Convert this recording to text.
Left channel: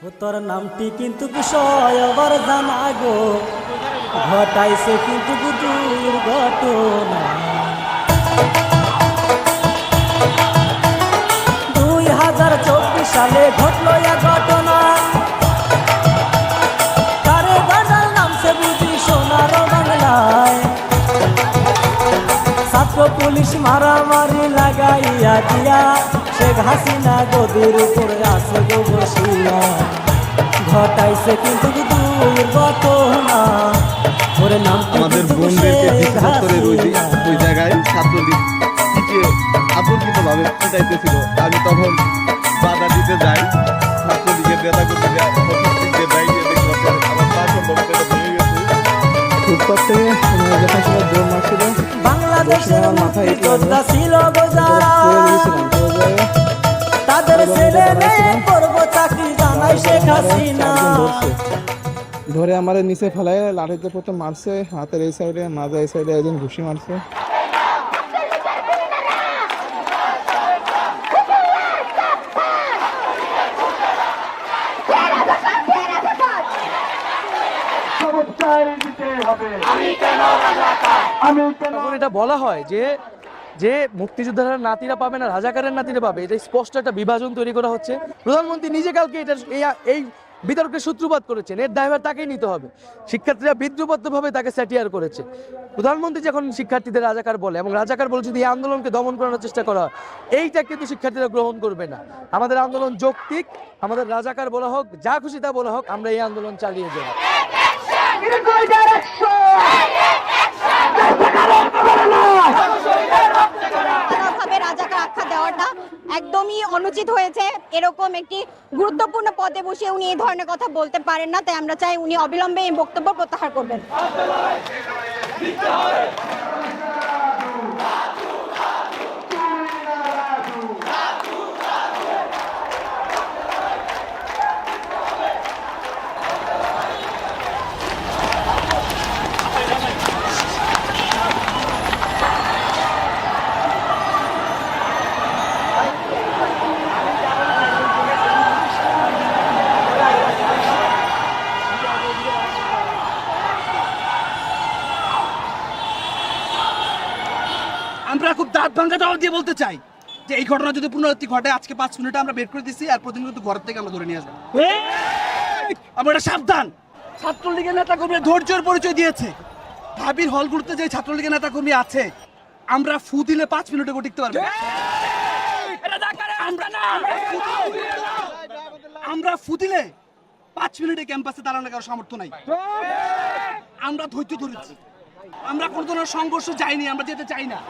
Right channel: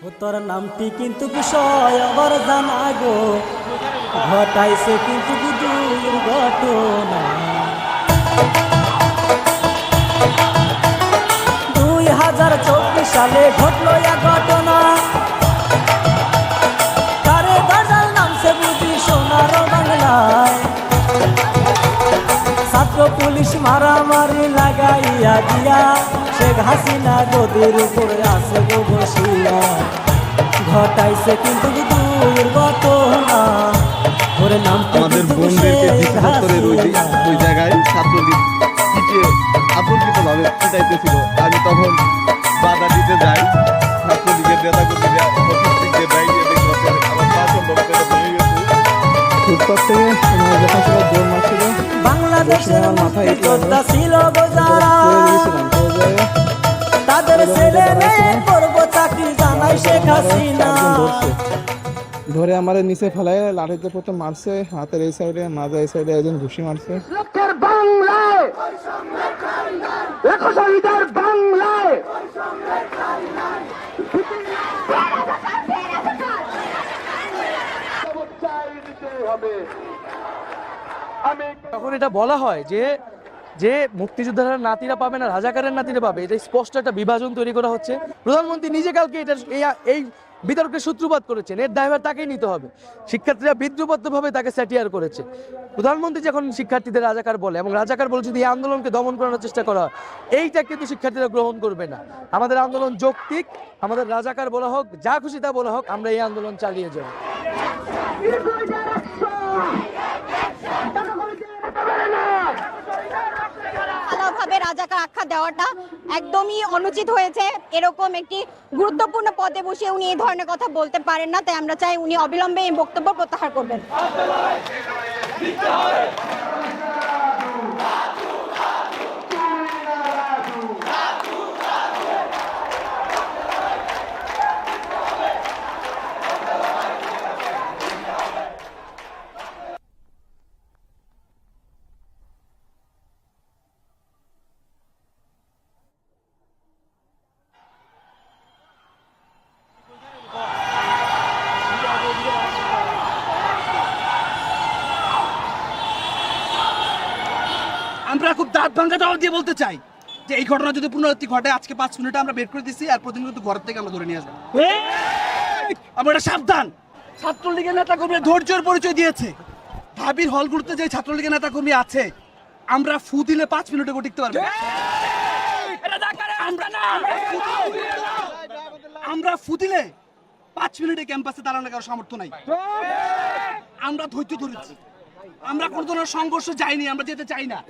তোর নামটি কিন্তু বিষয় আবার জানা গো, ঘটাইছে কিন্তু দুর্ঘটনা। 2024 সালে ঘটলো এক ঘটনা, কারে গাজাল নামছে বুঝি সোনার বাংলায়। ছাত্র পুলিশ মারামারি লাগাইয়া দিয়া শেখ হাসিনা গদির উপরে আছে গো বসিয়া, ঘটাইছে কিন্তু দুর্ঘটনা। ওরে নামটি আমাদের কিন্তু বোনদেরকে শেখ হাসিনা। ওই জায়গায় ছাত্রলীগ পিটিয়ে আতঙ্কিতভাবে পিটাইতেছিল। আমি তখন বাধা দিতে যাই, ছাত্রলীগের নেতাকর্মীরা উপস্থিত বাইরে দেখতে আমার পা সম্ভবত ভেঙে গেছে। ফুটপাত থেকে যখন সবাই দৌড় মারছিল, বাংলাদেশের মুক্তিযোদ্ধা ছিল গো যারা, তাদের ছেলে মেয়ে করব চাকরি জানাই শেখ হাসিনা। ধরে আমার নিচে ফেলায় লাঠিতে প্রথম মারছে, হাতের এই সাইডে, মাজা এই সাইডে একজন ঘুষি মারছে। তখন এটা বলা হয় যে যে মুক্তিযোদ্ধারা নাতিরা পাবে না রাজাকারের নাতিরা পাবে, এটা স্পষ্ট একটা বিভাজন তৈরি করা হচ্ছে। প্রধানমন্ত্রী নিজে কালকে এটা এই বিতর্কের সূত্রপাত করেছেন, এর দায়ভার তাকেই নিতে হবে। শিক্ষার্থীরা বিদ্রুপত্রভাবে তাকে স্যাটিয়ার করেছে। প্রধানমন্ত্রী যখন শিক্ষার্থীদের রাজাকার বলে এবং রাজাকার বলে যদি এই আন্দোলনকে দমন করানোর চেষ্টা করা হয়, এইটা কিন্তু শিক্ষার্থীরা গ্রহণ করবে না। আমাদের আন্দোলন যৌক্তিক, আমাদের রাজাকার বলা হোক, যা খুশি তা বলা হোক, আমরা এই আন্দোলন চালিয়ে যাব। রাজাকার আখ্যা দেওয়াটা একদমই অনুচিত হয়েছে। এরকম একটি গুরুত্বপূর্ণ পদে বসে উনি এই ধরনের কথা বলতে পারেন না, তাই আমরা চাই উনি অবিলম্বে এই বক্তব্য প্রত্যাহার করবেন। আমরা খুব দাঁত ভাঙ্গা জবাব দিয়ে বলতে চাই যে এই ঘটনা যদি পুনরাবৃত্তি ঘটে, আজকে 5 মিনিটে আমরা বের করে দিচ্ছি, আর প্রতিদিন কিন্তু ঘর থেকে আমরা ধরে নিয়ে আসবো। আমরা এটা সাবধান। ছাত্রলীগের নেতাকর্মী ধৈর্যের পরিচয় দিয়েছে। ভাবির হলগুলোতে যে ছাত্রলীগের নেতাকর্মী আছে, আমরা ফু দিলে 5 মিনিটে টিকতে পারবো। আমরা ফু দিলে 5 মিনিটে ক্যাম্পাসে দাঁড়ানোর কারো সামর্থ্য নাই। আমরা ধৈর্য ধরেছি, আমরা কোনো ধরনের সংঘর্ষ যাইনি, আমরা যেতে চাই না।